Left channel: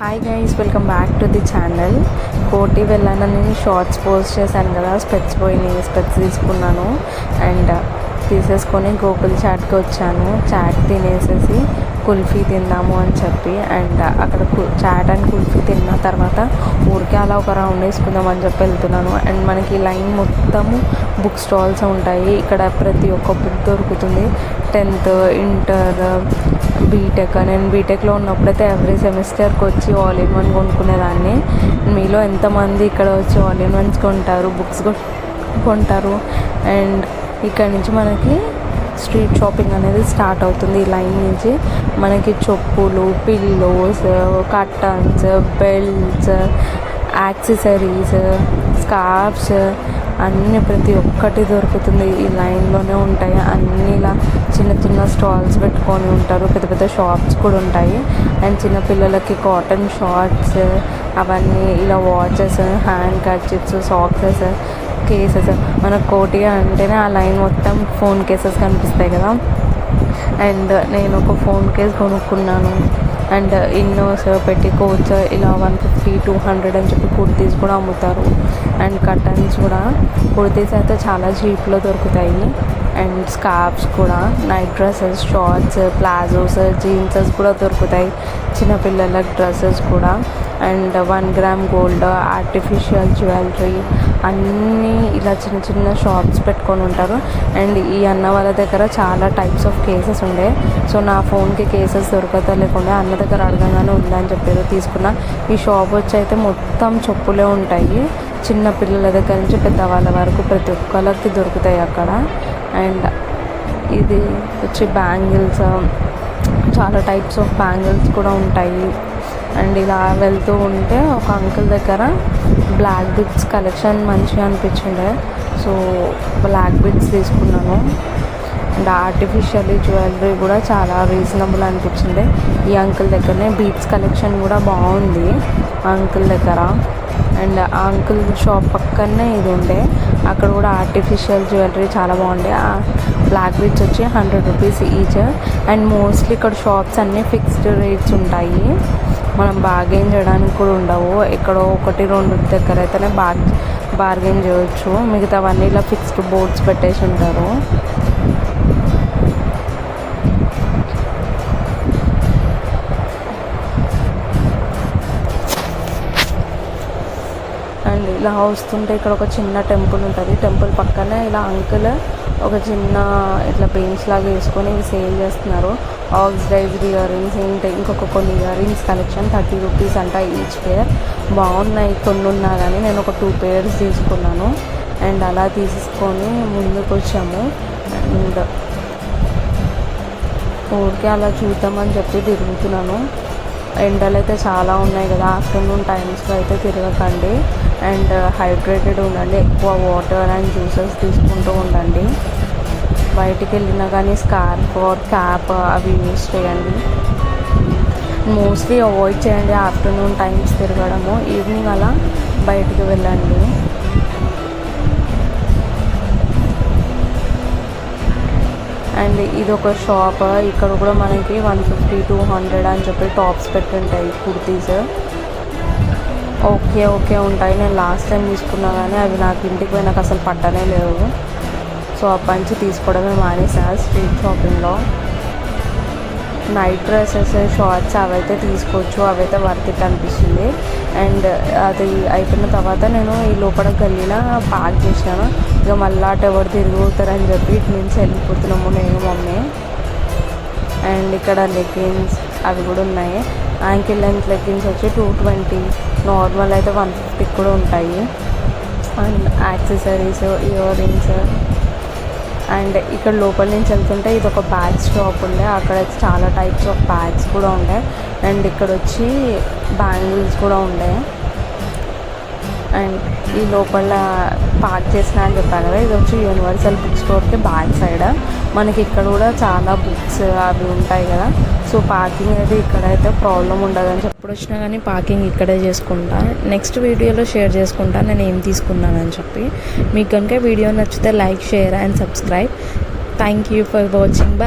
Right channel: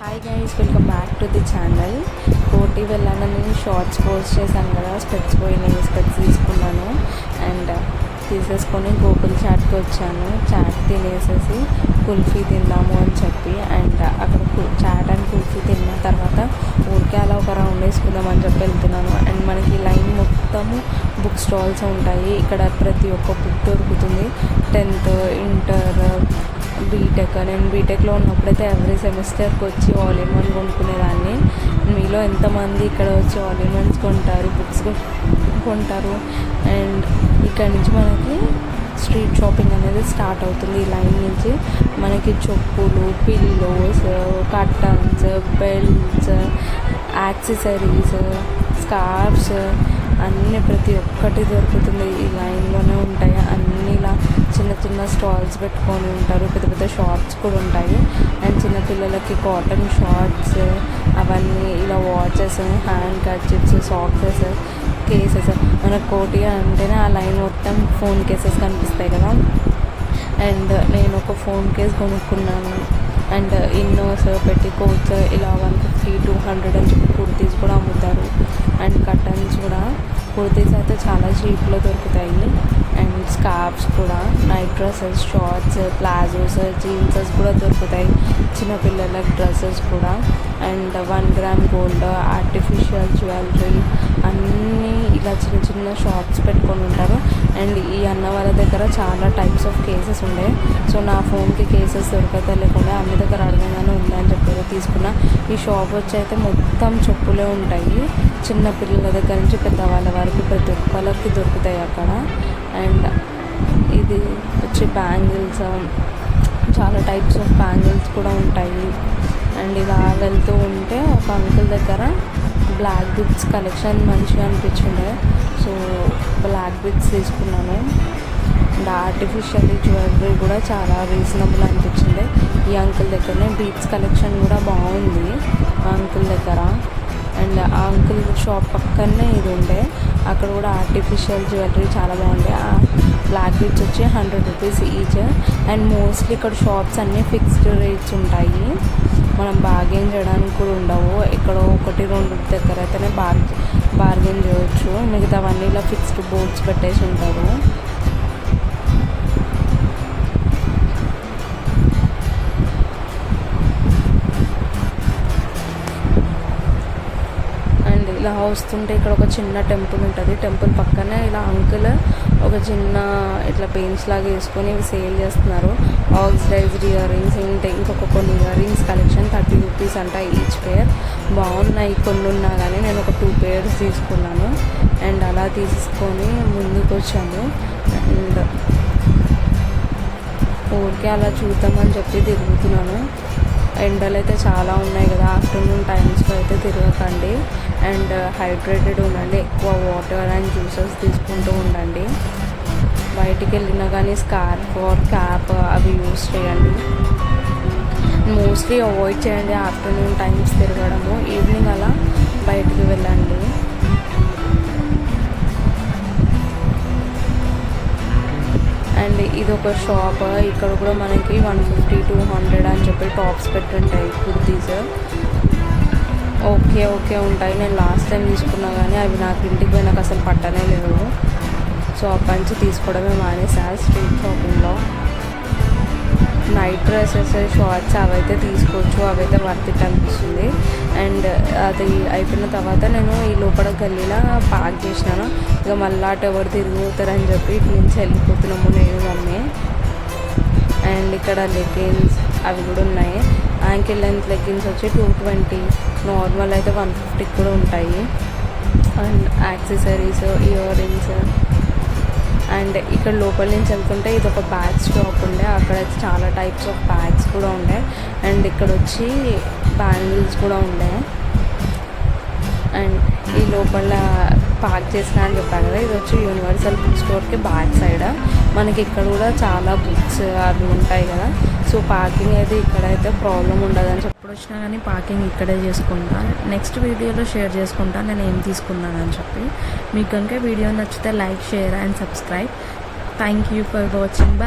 Hi guys, welcome back to the channel. కోటి వెళ్ళానని shorts post చేశాను కదా, స్పెట్స్ పోయినాయి, స్పెట్స్ తీసుకున్నాను అండ్ తీసేసుకొని గోకుల్ చాట్కి వచ్చాను. చాట్ తినేసేసి కుల్ఫీ తిందాము అని చెప్పి అండ్ అక్కడ చాట్ అండ్ కుల్ఫీ తిన్న తర్వాత ఊరికే అలా ఒక రౌండ్ వేసుకుందాం అని చెప్పి వెళ్తున్నాను. అండ్ మనకి లైన్ మొత్తము బుక్ స్టాల్స్ ఉంటాయి. ఇక్కడ ప్రతి ఒక్క బుక్ దొరుకుతుంది. 10th, inter, BTech. నేను బీటెక్లో ఉన్నప్పుడైతే ఎవ్రీ సెమిస్టర్కి వచ్చి ఆల్ ఇన్ వన్ కొనుక్కునేదాన్ని. మీలో ఎంతమంది ఇక్కడ వచ్చి ఆల్ ఇన్ వన్స్ కొంటారు, బుక్స్ కొంటారు? అండ్ ఇక్కడ నుంచి మనకి స్ట్రీట్ షాపింగ్ అనేది స్టార్ట్ అవుతుంది. ఈ లైన్ నుంచి మనకి చెప్పులు, pillows, curtains, belts, accessories, scarfs అన్నీ ప్రతి ఒక్కటి దొరుకుతుంది. ఈ లైన్లోనే ఉంటాయి. అన్నీ ఇలా చిన్న చిన్న స్టాల్స్ పెట్టుకొని ఉంటారు. పెద్ద పెద్ద షాప్స్ కూడా ఉంటాయి. అండ్ చిన్నపిల్లలకి కాటన్ షార్ట్స్ అవన్నీ, ఇలా watches, hand kerchiefs, socks, cases. మనకు కోటి అంటేనే ఆ లైన్ మొత్తం ఫోన్ కేసెస్ కనిపిస్తాయి కదా. అండ్ నేను ఒక ఫోన్ కేస్ కొనుక్కున్నాను. అండ్ ఇన్నోస్, పెట్టి కోట్స్ ఇలా 150, 200 అని చెప్పి కుర్తీస్ కూడా అమ్ముతారు. అండ్ కర్టన్స్ కూడా, కుర్తీస్ అయితే చాలా చీప్లో దొరుకుతాయి. అండ్ స్కార్ఫ్స్ కూడా, నైట్ డ్రెస్సెస్, షార్ట్స్, ప్లాజోస్, జీన్సెస్ కూడా దొరుకుతాయి. చిన్నపిల్లలకు డ్రెస్సెస్ కూడా. And 1 gram gold, artificial jewellery అన్నీ ఇలా చిన్న చిన్న షాప్స్ పెట్టుకొని ఉంటారు. అండ్ ఈ అన్న వాళ్ళ దగ్గర చాలా టైప్స్ ఆఫ్ కేసెస్ ఉండే. సో నా ఫోన్కి కేసెస్ దొరకతా లేకుండా అన్న దగ్గర అడగగానే ఉందని చెప్పేది తీసుకున్నా. ఈ షాప్ వచ్చి అయితే మొత్తం చెప్పులే ఉంటాయి. చిన్న పిల్లల దగ్గర నుంచి పెద్దవాళ్ళ వరకు ప్రతి ఒక్కరికి దొరుకుతాయి అక్కడ. అండ్ ఇది వచ్చి బ్యాంగిల్స్, చాలా టైప్స్ ఆఫ్ బ్యాంగిల్స్ కూడా ఉంటాయి. అండ్ ఇలా వెళ్తూ ఉంటే ఒక అంకుల్ దగ్గర బ్లాక్ బిట్స్ కలెక్షన్ మంచిగా అనిపించింది. సో బ్లాక్ బిట్స్ తీసుకున్నాను. అండ్ ఆర్టిఫిషియల్ జ్యువెలరీ కూడా చాలా రీజనబుల్ అనిపించింది. ఈ అంకుల్ దగ్గరనే బీట్స్ కలెక్షన్ కూడా బాగుంది ఆ అంకుల్ దగ్గర. అండ్ ఆ అంకుల్ షాప్ పక్కనే ఇది ఉండే, అక్కడ కూడా ఆర్టిఫిషియల్ జ్యువెలరీ చాలా బాగుండే. బ్లాక్ బీట్స్ వచ్చి 100 రూపీస్ ఈచ్. అండ్ మోస్ట్లీ ఇక్కడ షాప్స్ అన్నీ ఫిక్స్డ్ రేట్స్ ఉంటాయి. మనం బార్గెన్ చేయడానికి కూడా ఉండవు. ఎక్కడో 1-2 దగ్గర అయితేనే బార్గెన్ చేయవచ్చు. మిగతావన్నీ ఇలా ఫిక్స్డ్ బోర్డ్స్ పెట్టేసి ఉంటారు. అండ్ ఇలా వస్తుంటే ఇక్కడ ఒక చిన్న టెంపుల్ ఉంటుంది. టెంపుల్ పక్కనే ఇలా అంకుల్ ఒక చిన్న ఇట్లా బెంచ్ లాగా వేసుకొని ఇవి సేల్ చేస్తున్నారు. ఆక్సిడైజ్డ్ ఇయర్ రింగ్స్, ఇంకొక కొన్ని ఇయర్ రింగ్స్ కలెక్షన్ 30 రూపీస్ అంట ఈచ్ పేర్. బాగున్నాయి కొన్ని ఉన్నా కానీ నేను ఒక 2 పేర్స్ తీసుకున్నాను. అండ్ అలా తీసుకొని ముందుకు వచ్చాము. అండ్ ఊరికే అలా చూద్దామని చెప్పి తిరుగుతున్నాను. ఎండలు అయితే చాలా ఉన్నాయి కదా, ఆఫ్టర్నూన్ టైమ్స్లో అయితే తిరగకండి. అండ్ హైడ్రేటెడ్ ఉండండి, ఎక్కువ వాటర్ అండ్ జ్యూసెస్ తీసుకుంటూ ఉండండి. బయటికి వెళ్ళినా కానీ స్కార్ఫ్ ఆర్ క్యాప్ అవి యూస్ చేయండి. మోస్ట్లీ అవాయిడ్ చేయండి ఆఫ్టర్నూన్ టైమ్స్ తిరగడము. ఈవినింగ్ అలా బయటికి వెళ్ళండి. అండ్ ఇది ఒక షాప్. ఇక్కడ కూడా మనకి 150, 200 అని చెప్పి టాప్స్ పెట్టుంటాయి కుర్తీస్. ఓకే ఉంటాయి. నేను లాస్ట్ టైం తీసుకున్నా కానీ అవి నాకు ఇంటికి పోయినాక అసలు పట్టనే లేవు. సో అప్పటి నుంచి తీసుకోవడమే మానేసా స్ట్రీట్ షాపింగ్లో. నైట్ డ్రెస్సెస్, షార్ట్స్ అవైతే తీసుకోవచ్చు, అవైతే వర్త్ ఇట్ అనిపిస్తుంది. అండ్ అది అయిపోయిన తర్వాత నేను ఈ లోపల గల్లీలో పార్క్ చేసినాను. ఇక మళ్ళీ అటు ఎవరు తిరుగుతారని చెప్పి ఇటు నుంచి వెళ్ళిపోతున్నాము నేను, మమ్మీ. అండ్ ఇక్కడ లెగ్గిన్స్ అవి కూడా ఉన్నాయి. యాంకిల్ లెంత్ లెగ్గిన్స్ వచ్చి 220, నార్మల్ అయితే 150 కూడా ఉంటాయి. And accessories, ear rings. And ఇక్కడ లోపల నుంచి వెళ్తుంటే ఇది ఒక బ్యాగ్స్ షాప్ ఉండే, అక్కడ చాలా టైప్స్ ఆఫ్ బ్యాగ్స్ కూడా ఉండే. అండ్ ఇక్కడ వచ్చి బ్యాంగిల్స్ కూడా ఉండే. అండ్ ఈ లోపల పార్క్ చేసిన అని చెప్పాను కదా, ఇది వచ్చి యూనివర్సల్ బుక్ స్టోర్కి బ్యాక్ సైడ్. మనకి ఇక్కడ కూడా చాలా బుక్స్ అవి ఉంటాయి కదా. సో పార్కింగ్ అయితే ఇక్కడైతే ప్రాబ్లం ఉండదని చెప్పి ఎప్పుడు వచ్చినా కానీ పార్కింగ్ ఇక్కడే చేసుకుంటా. నెక్స్ట్ వీడియోలో షేర్ చేసుకుంటా నేను ఏం తీసుకున్నానని చెప్పి. మీకు కనుక వీడియో నచ్చితే like, share and subscribe. Thank you for watching. Bye.